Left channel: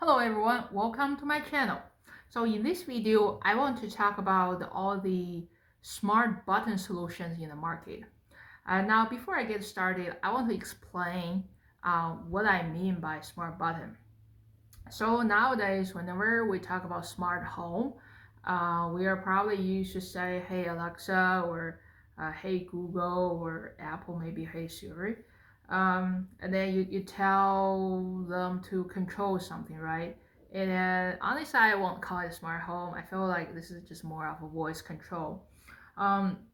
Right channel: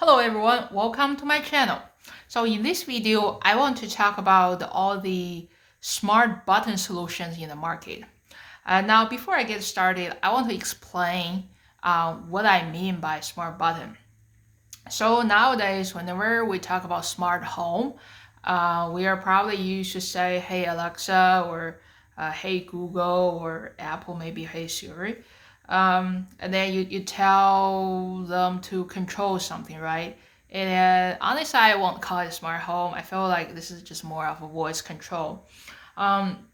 Hello everyone, welcome to my channel. So in this video, I want to talk about all the smart button solutions in the market. Now, before I get started, I want to explain what I mean by smart button. So nowadays, whenever we talk about smart home, we are probably used to say, "Hey Alexa," or "Hey Google," or Apple, maybe "Hey Siri," and then you tell them to control something, right? And honestly, I won't call it smart home. I feel like this is just more of a voice control. Um,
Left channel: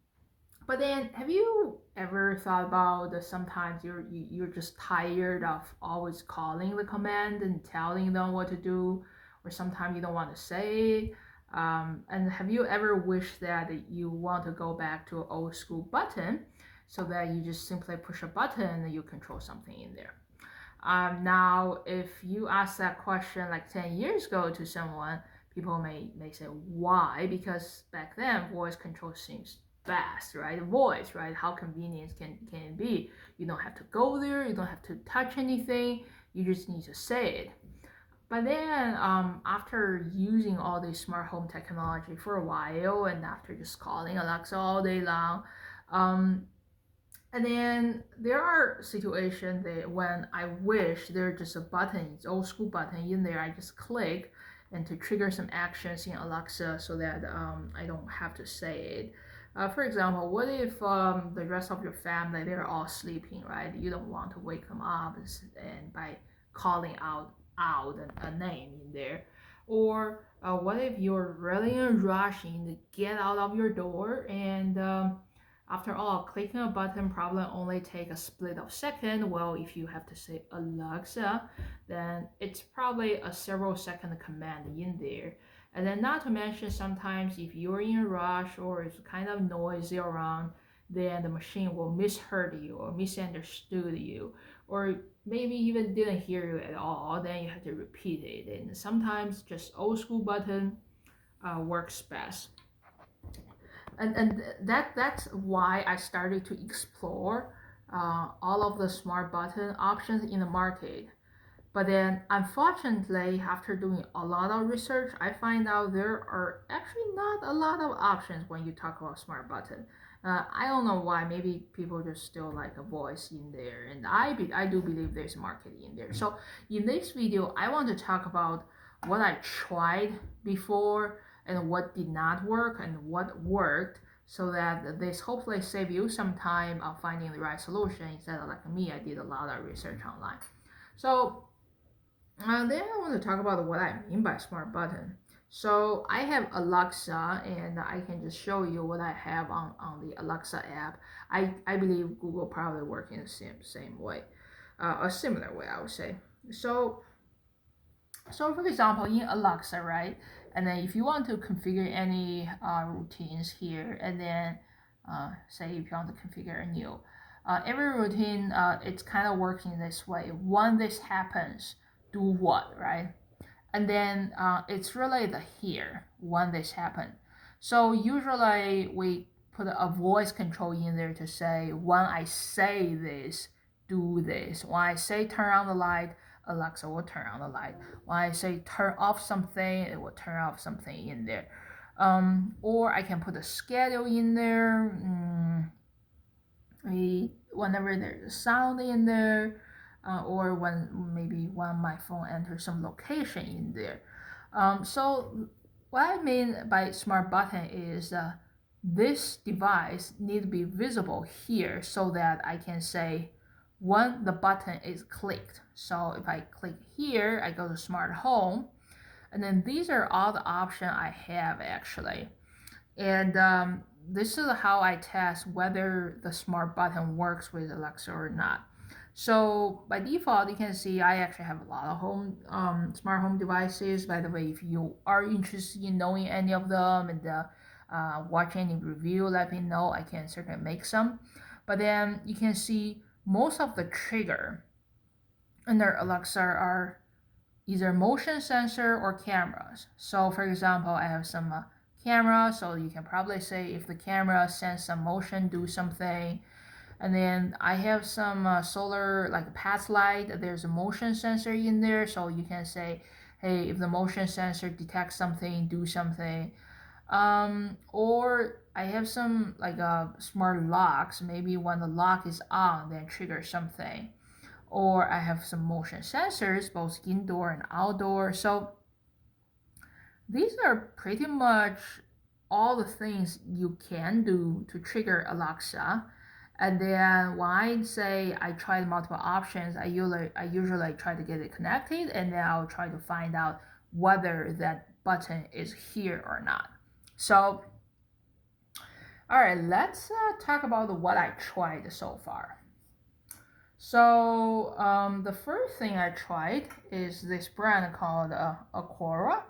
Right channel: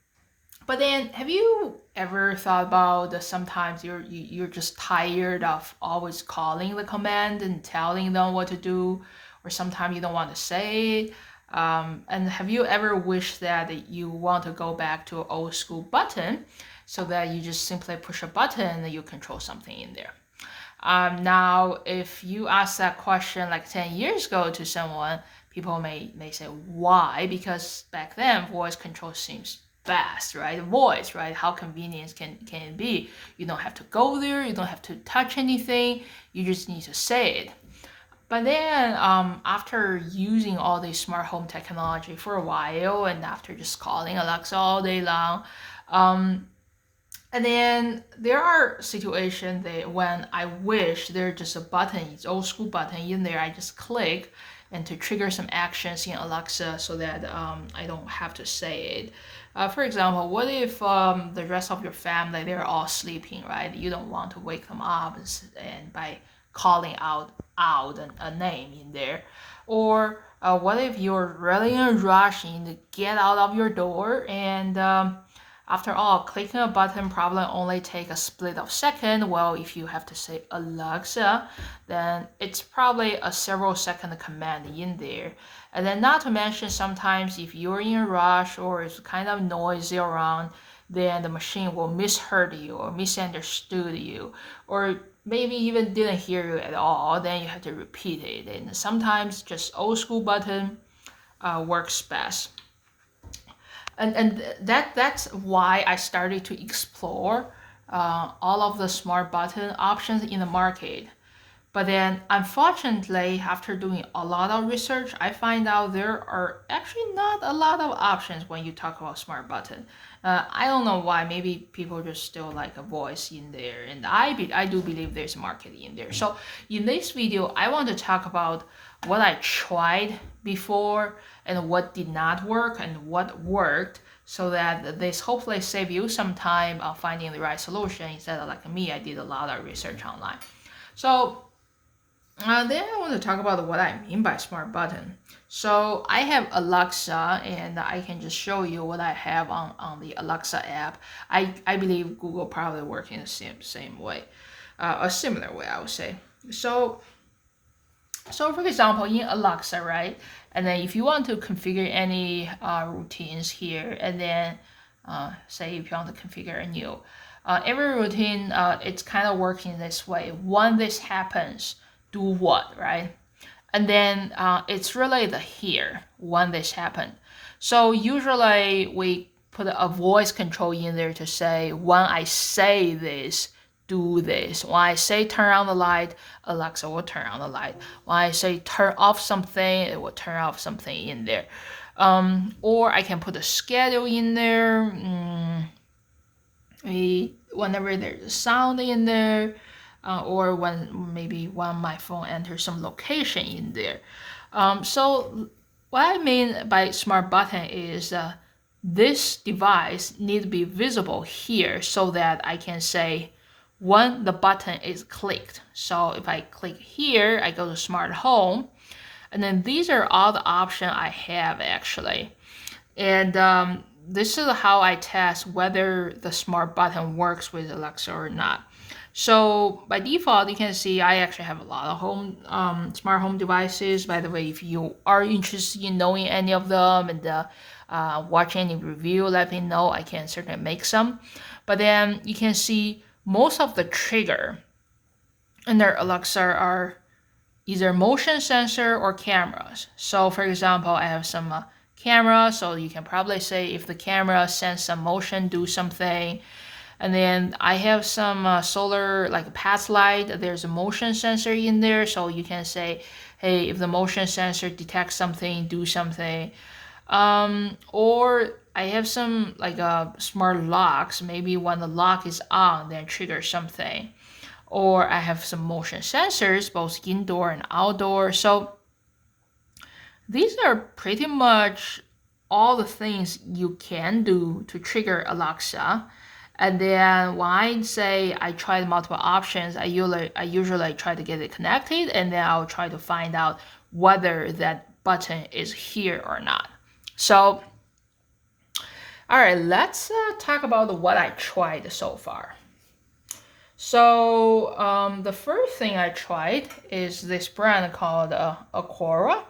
but then, have you ever thought about that sometimes you're just tired of always calling the command and telling them what to do, or sometimes you don't want to say it? And have you ever wished that you want to go back to an old school button, so that you just simply push a button and you control something in there? Now, if you ask that question like 10 years ago to someone, people may say, why? Because back then, voice control seems fast, right? Voice, right? How convenient can it be? You don't have to go there, you don't have to touch anything, you just need to say it. But then, after using all this smart home technology for a while, and after just calling Alexa all day long, um, and then there are situations that when I wish there's just a button, it's old school button in there, I just click and to trigger some actions in Alexa so that I don't have to say it. For example, what if the rest of your family, they're all sleeping, right? You don't want to wake them up and by calling out a name in there. Or what if you're really in a rush to get out of your door and after all, clicking a button probably only take a split of second. Well, if you have to say Alexa, then it's probably a several second command in there. And then not to mention sometimes if you're in a rush or it's kind of noisy around, then the machine will misheard you or misunderstood you or maybe even didn't hear you at all. Then you have to repeat it. And sometimes just old school button works best. And that's why I started to explore all of the smart button options in the market. But then, unfortunately, after doing a lot of research, I find out there are actually not a lot of options when you talk about smart button. I don't know why. Maybe people just still like a voice in there, and I do believe there's a market in there. So in this video, I want to talk about what I tried before and what did not work and what worked, so that this hopefully save you some time of finding the right solution instead of like me. I did a lot of research online. So then I want to talk about what I mean by smart button. So I have Alexa, and I can just show you what I have on the Alexa app. I believe Google probably works in the same way, a similar way, I would say. So for example, in Alexa, right? And then if you want to configure any routines here, and then say if you want to configure a new, every routine, it's kind of working this way. When this happens, do what, right? And then it's really the here when this happened. So usually we put a voice control in there to say when I say this, do this. When I say turn on the light, Alexa will turn on the light. When I say turn off something, it will turn off something in there. Or I can put a schedule in there. Whenever there's a sound in there, or when my phone enters some location in there. So what I mean by smart button is this device need to be visible here so that I can say when the button is clicked. So if I click here, I go to smart home, and then these are all the options I have actually. And this is how I test whether the smart button works with Alexa or not. So by default, you can see I actually have a lot of smart home devices. By the way, if you are interested in knowing any of them and watch any review, let me know. I can certainly make some. But then you can see most of the trigger under Alexa are either motion sensor or cameras. So for example, I have some camera, so you can probably say if the camera sense some motion, do something. And then I have some solar like path light. There's a motion sensor in there, so you can say, hey, if the motion sensor detects something, do something. Or I have some like smart locks. Maybe when the lock is on, then trigger something. Or I have some motion sensors, both indoor and outdoor. So these are pretty much all the things you can do to trigger Alexa. And then when I say I tried multiple options, I usually try to get it connected, and then I'll try to find out whether that button is here or not. So, all right, let's talk about what I tried so far. So the first thing I tried is this brand called Akora.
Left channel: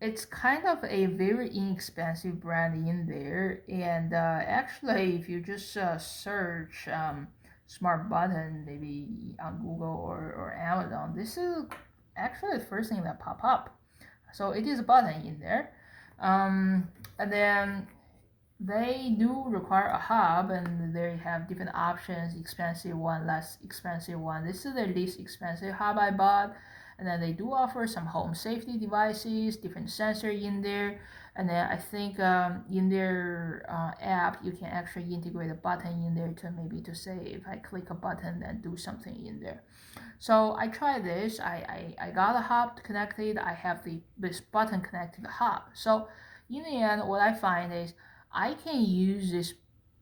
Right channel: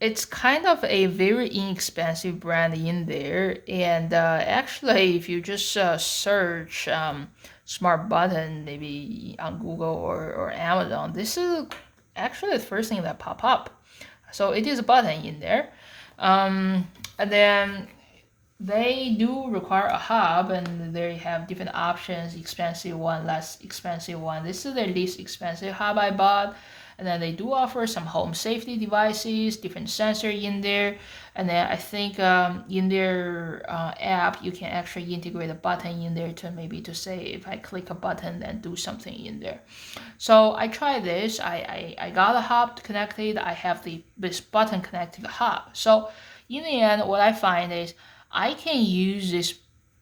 It's kind of a very inexpensive brand in there, and actually, if you just search smart button maybe on Google or Amazon, this is actually the first thing that pop up. So it is a button in there, and then they do require a hub, and they have different options: expensive one, less expensive one. This is the least expensive hub I bought. And then they do offer some home safety devices, different sensor in there. And then I think in their app, you can actually integrate a button in there to maybe to say if I click a button, then do something in there. So I tried this. I got a hub connected. I have this button connected to the hub. So in the end, what I find is I can use this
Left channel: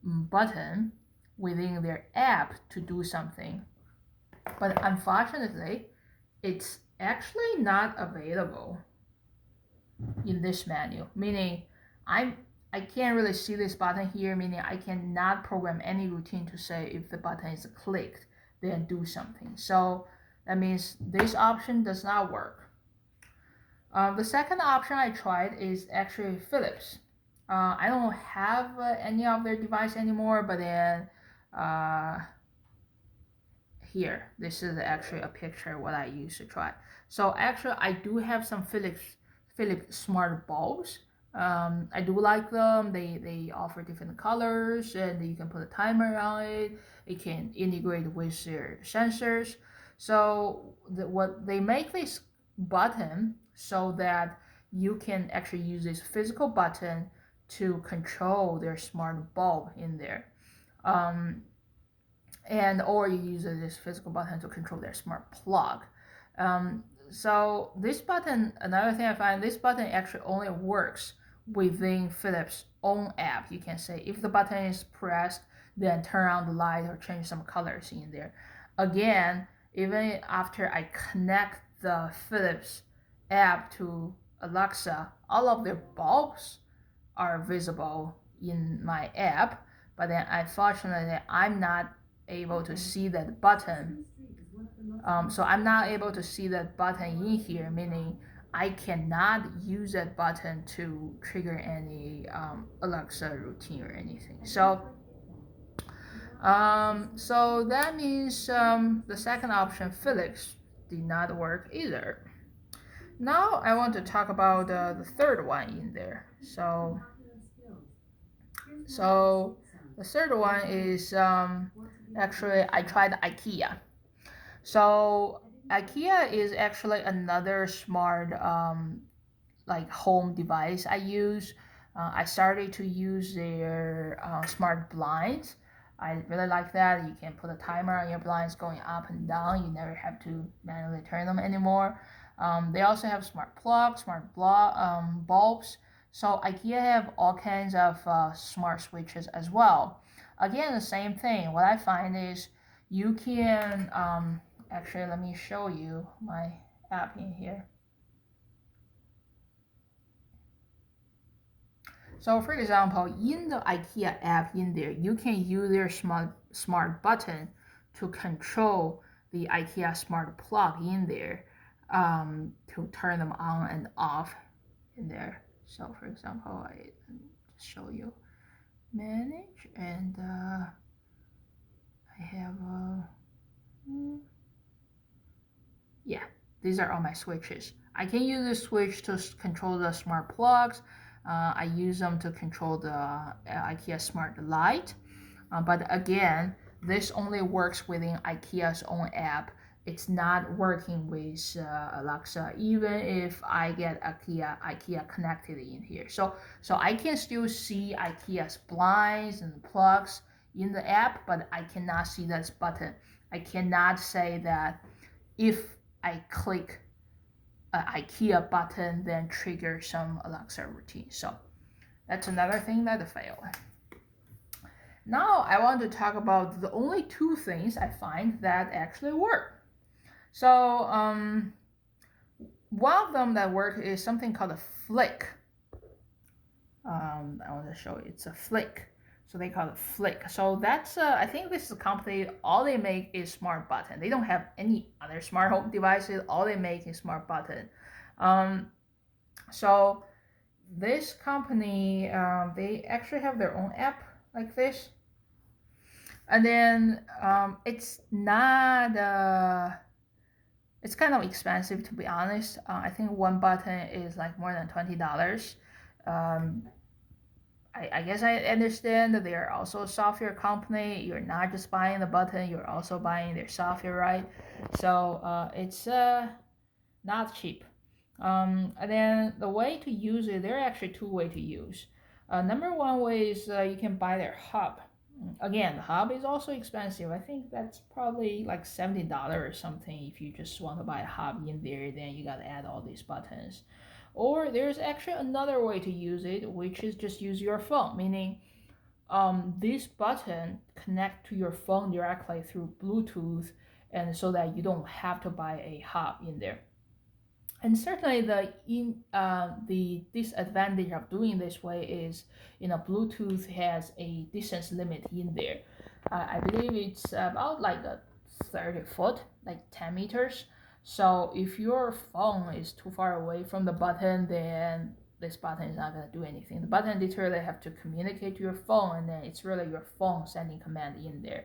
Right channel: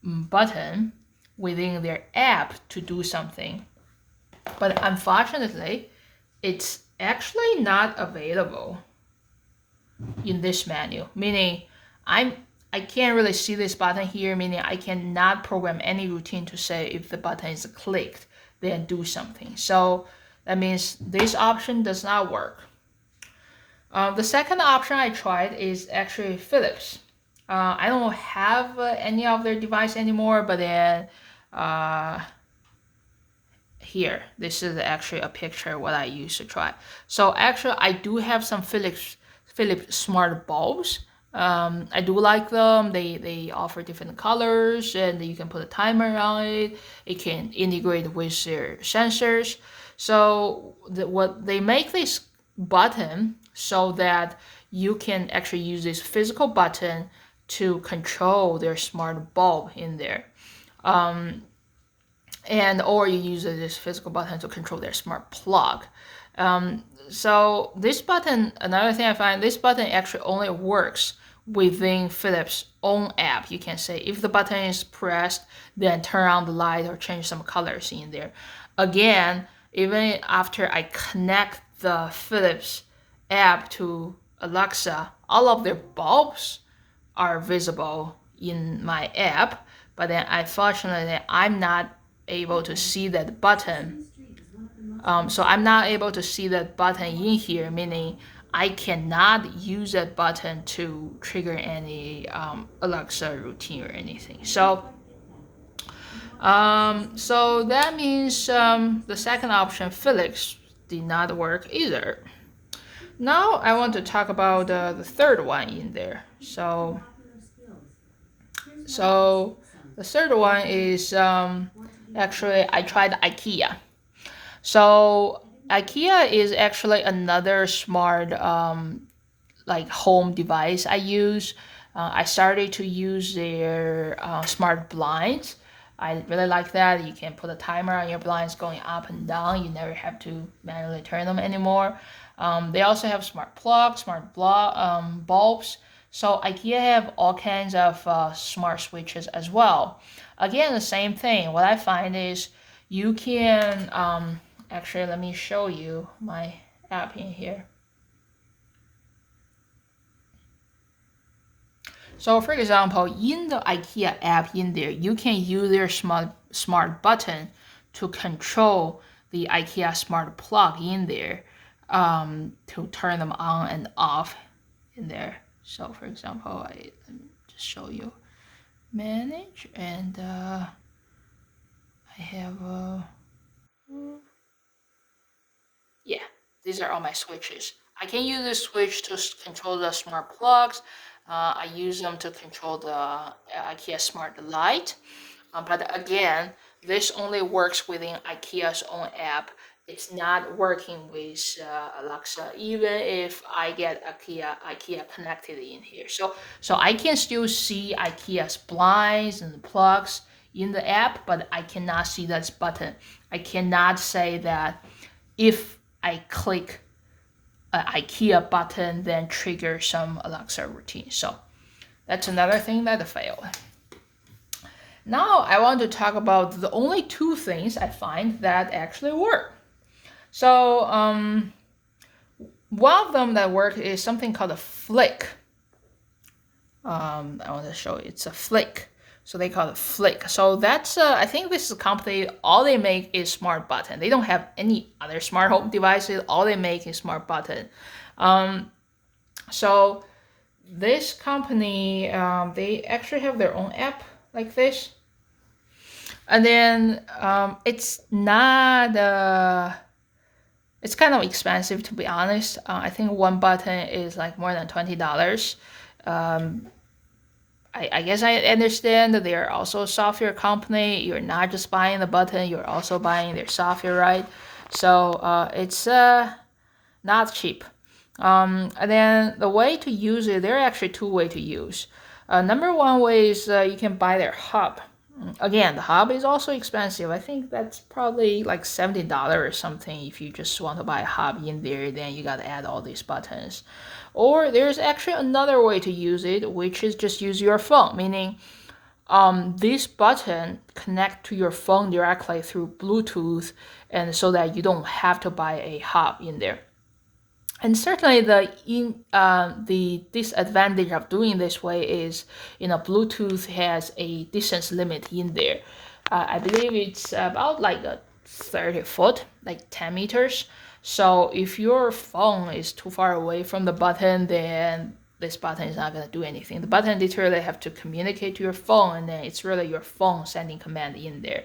button within their app to do something. But unfortunately, it's actually not available in this menu, meaning I can't really see this button here, meaning I cannot program any routine to say if the button is clicked, then do something. So that means this option does not work. The second option I tried is actually Philips. I don't have any of their device anymore, but then here, this is actually a picture of what I used to try. So actually, I do have some Philips smart bulbs. I do like them. They offer different colors, and you can put a timer on it. It can integrate with their sensors. So what they make this button so that you can actually use this physical button to control their smart bulb in there. And or you use this physical button to control their smart plug. So this button, another thing I find, this button actually only works within Philips' own app. You can say if the button is pressed, then turn on the light or change some colors in there. Again, even after I connect the Philips app to Alexa, all of their bulbs are visible in my app, but then unfortunately I'm not able to see that button. So I'm not able to see that button in here, meaning I cannot use that button to trigger any Alexa routine or anything. So that means the second option, Felix, did not work either. Now I want to talk about the third one in there. So the third one is actually I tried Ikea. So Ikea is actually another smart like home device I use. I started to use their smart blinds. I really like that. You can put a timer on your blinds going up and down. You never have to manually turn them anymore. They also have smart plugs, smart bulbs. So IKEA have all kinds of smart switches as well. Again, the same thing. What I find is you can, actually, let me show you my app in here. So for example, in the IKEA app in there, you can use their smart button to control the IKEA smart plug in there, to turn them on and off in there. So for example, let me just show you manage, and I have yeah, these are all my switches. I can use this switch to control the smart plugs. I use them to control the IKEA smart light. But again, this only works within Ikea's own app. It's not working with Alexa, even if I get Ikea connected in here. So I can still see Ikea's blinds and plugs in the app, but I cannot see this button. I cannot say that if I click an Ikea button, then trigger some Alexa routine. So that's another thing that failed. Now I want to talk about the only two things I find that actually work. So one of them that work is something called a flick. I want to show you. It's a flick. So they call it flick. So that's I think this is a company. All they make is smart button. They don't have any other smart home devices. All they make is smart button. So this company, they actually have their own app like this. And then it's not it's kind of expensive, to be honest. I think one button is like more than $20. I guess I understand that they're also a software company. You're not just buying the button, you're also buying their software, right? So it's not cheap. And then the way to use it, there are actually two ways to use. Number one way is you can buy their hub. Again, the hub is also expensive. I think that's probably like $70 or something. If you just want to buy a hub in there, then you got to add all these buttons. Or there's actually another way to use it, which is just use your phone, meaning this button connect to your phone directly through Bluetooth, and so that you don't have to buy a hub in there. And certainly the disadvantage of doing this way is, Bluetooth has a distance limit in there. I believe it's about like 30 foot, like 10 meters. So if your phone is too far away from the button, then this button is not going to do anything. The button literally have to communicate to your phone, and then it's really your phone sending command in there.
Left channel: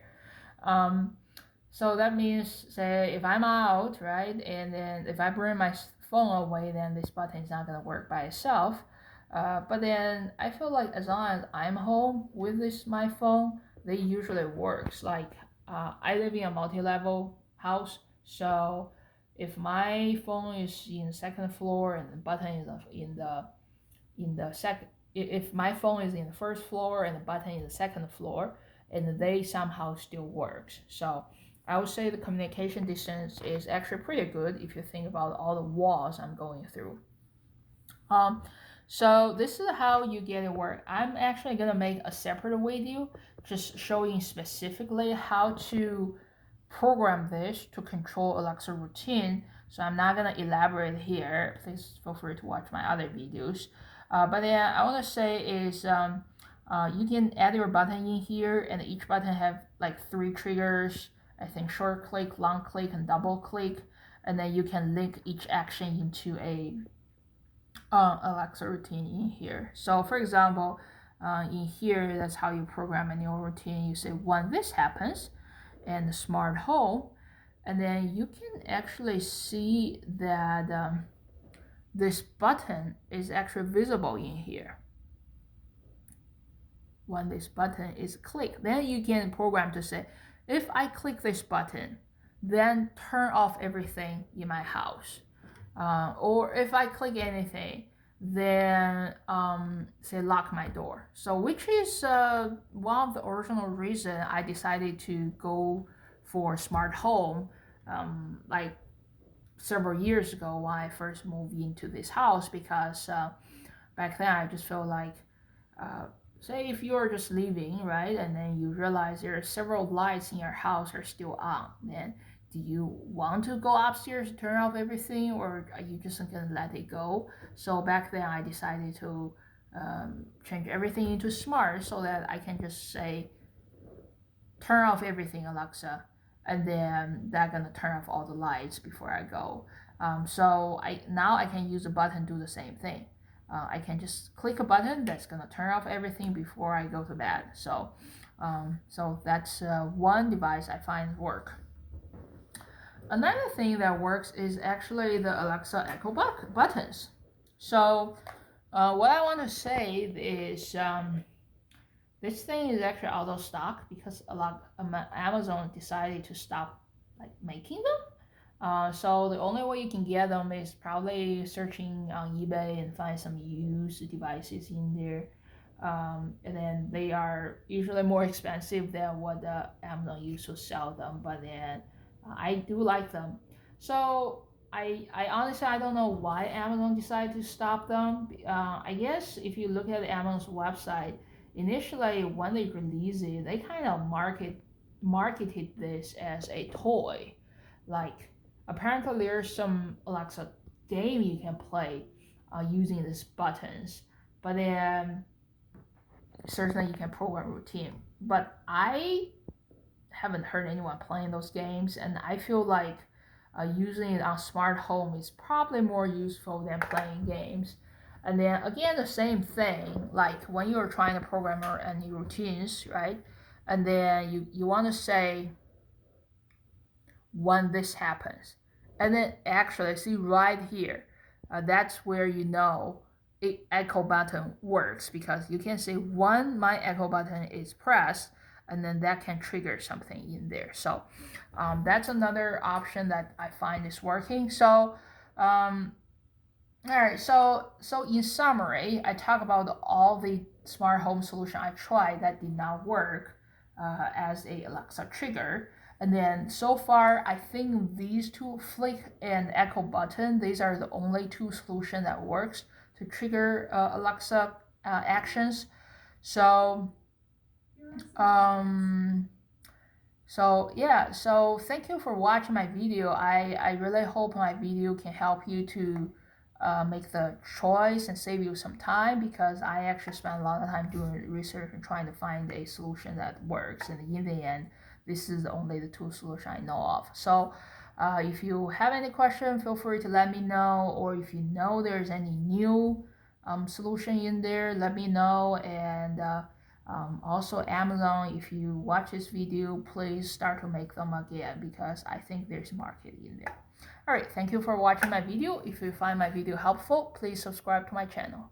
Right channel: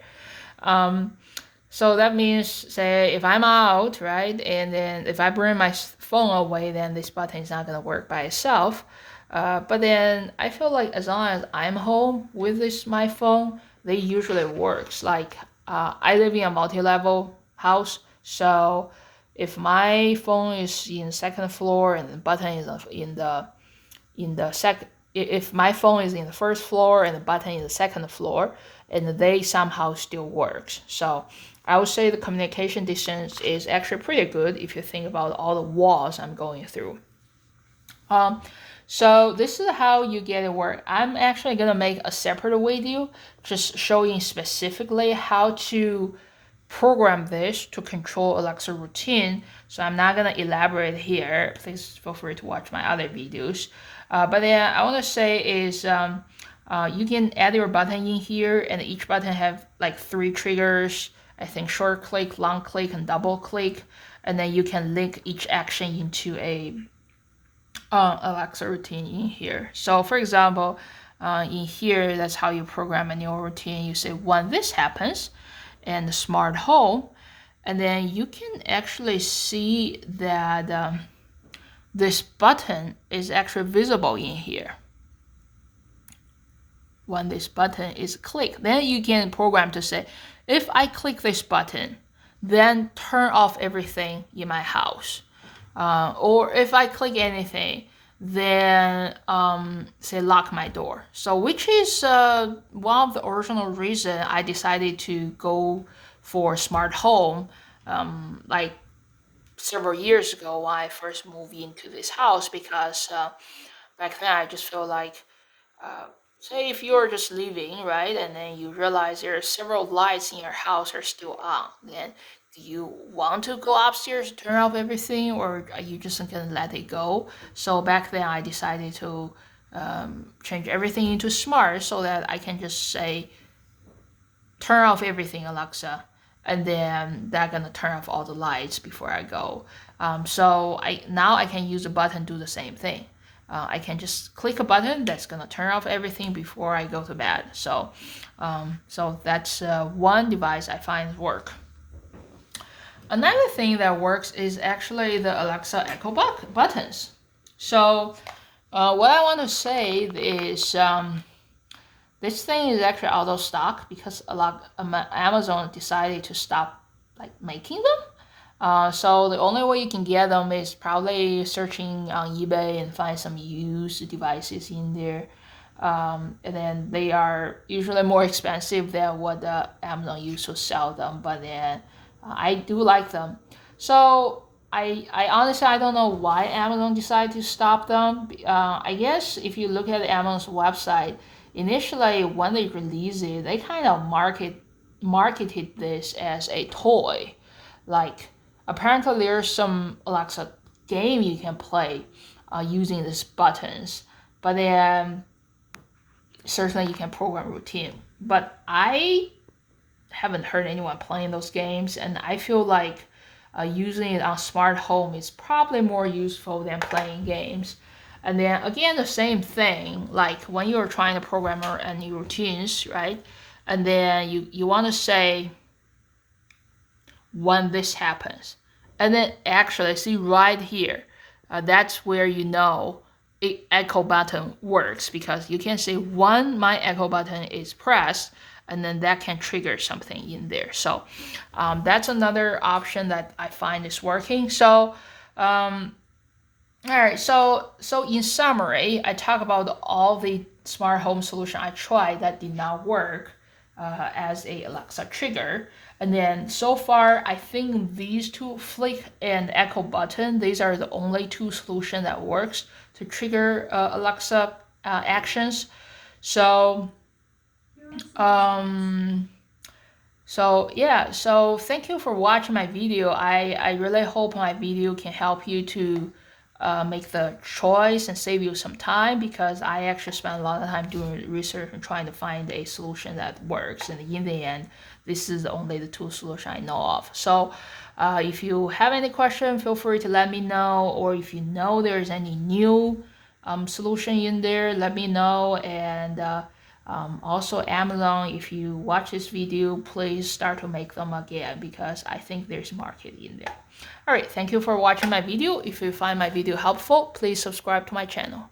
So that means, say, if I'm out, right, and then if I bring my phone away, then this button is not going to work by itself. But then I feel like as long as I'm home with my phone, they usually works. Like I live in a multi-level house, so if my phone is in the second floor and the button is in the second, if my phone is in the first floor and the button is the second floor, and they somehow still works. So I would say the communication distance is actually pretty good if you think about all the walls I'm going through. So this is how you get it work. I'm actually gonna make a separate video just showing specifically how to program this to control Alexa routine. So I'm not gonna elaborate here. Please feel free to watch my other videos. But then I want to say is you can add your button in here, and each button have like 3 triggers. I think short click, long click, and double click, and then you can link each action into a Alexa routine in here. So for example, in here, that's how you program a new routine. You say when this happens, and the smart home, and then you can actually see that this button is actually visible in here. When this button is clicked, then you can program to say, if I click this button, then turn off everything in my house. Or if I click anything, then say lock my door. So which is one of the original reason I decided to go for smart home like several years ago when I first moved into this house, because back then I just felt like say if you're just leaving, right, and then you realize there are several lights in your house are still on, then do you want to go upstairs and turn off everything, or are you just gonna let it go? So back then I decided to change everything into smart, so that I can just say turn off everything, Alexa, and then that's gonna turn off all the lights before I go. So now I can use a button to do the same thing. I can just click a button that's gonna turn off everything before I go to bed. So that's one device I find work. Another thing that works is actually the Alexa Echo buttons. So what I want to say is This thing is actually out of stock because a lot Amazon decided to stop like making them. So the only way you can get them is probably searching on eBay and find some used devices in there. And then they are usually more expensive than what Amazon used to sell them, but then I do like them. So I honestly I don't know why Amazon decided to stop them. I guess if you look at Amazon's website, initially when they released it, they kind of marketed this as a toy, like apparently there's some Alexa game you can play using these buttons, but then certainly you can program routine. But I haven't heard anyone playing those games, and I feel like using it on smart home is probably more useful than playing games. And then again, the same thing, like when you're trying to program any routines, right? And then you want to say when this happens. And then actually see right here, that's where you know echo button works, because you can say when my echo button is pressed, and then that can trigger something in there. So that's another option that I find is working. So all right, so in summary, I talk about all the smart home solution I tried that did not work as a Alexa trigger. And then so far, I think these two, Flick and Echo Button, these are the only two solutions that works to trigger Alexa actions. So yeah, so thank you for watching my video. I really hope my video can help you to make the choice and save you some time, because I actually spent a lot of time doing research and trying to find a solution that works. And in the end, this is only the two solution I know of. So if you have any question, feel free to let me know, or if you know there's any new solution in there, let me know. And also Amazon, if you watch this video, please start to make them again, because I think there's market in there. Alright, thank you for watching my video. If you find my video helpful, please subscribe to my channel.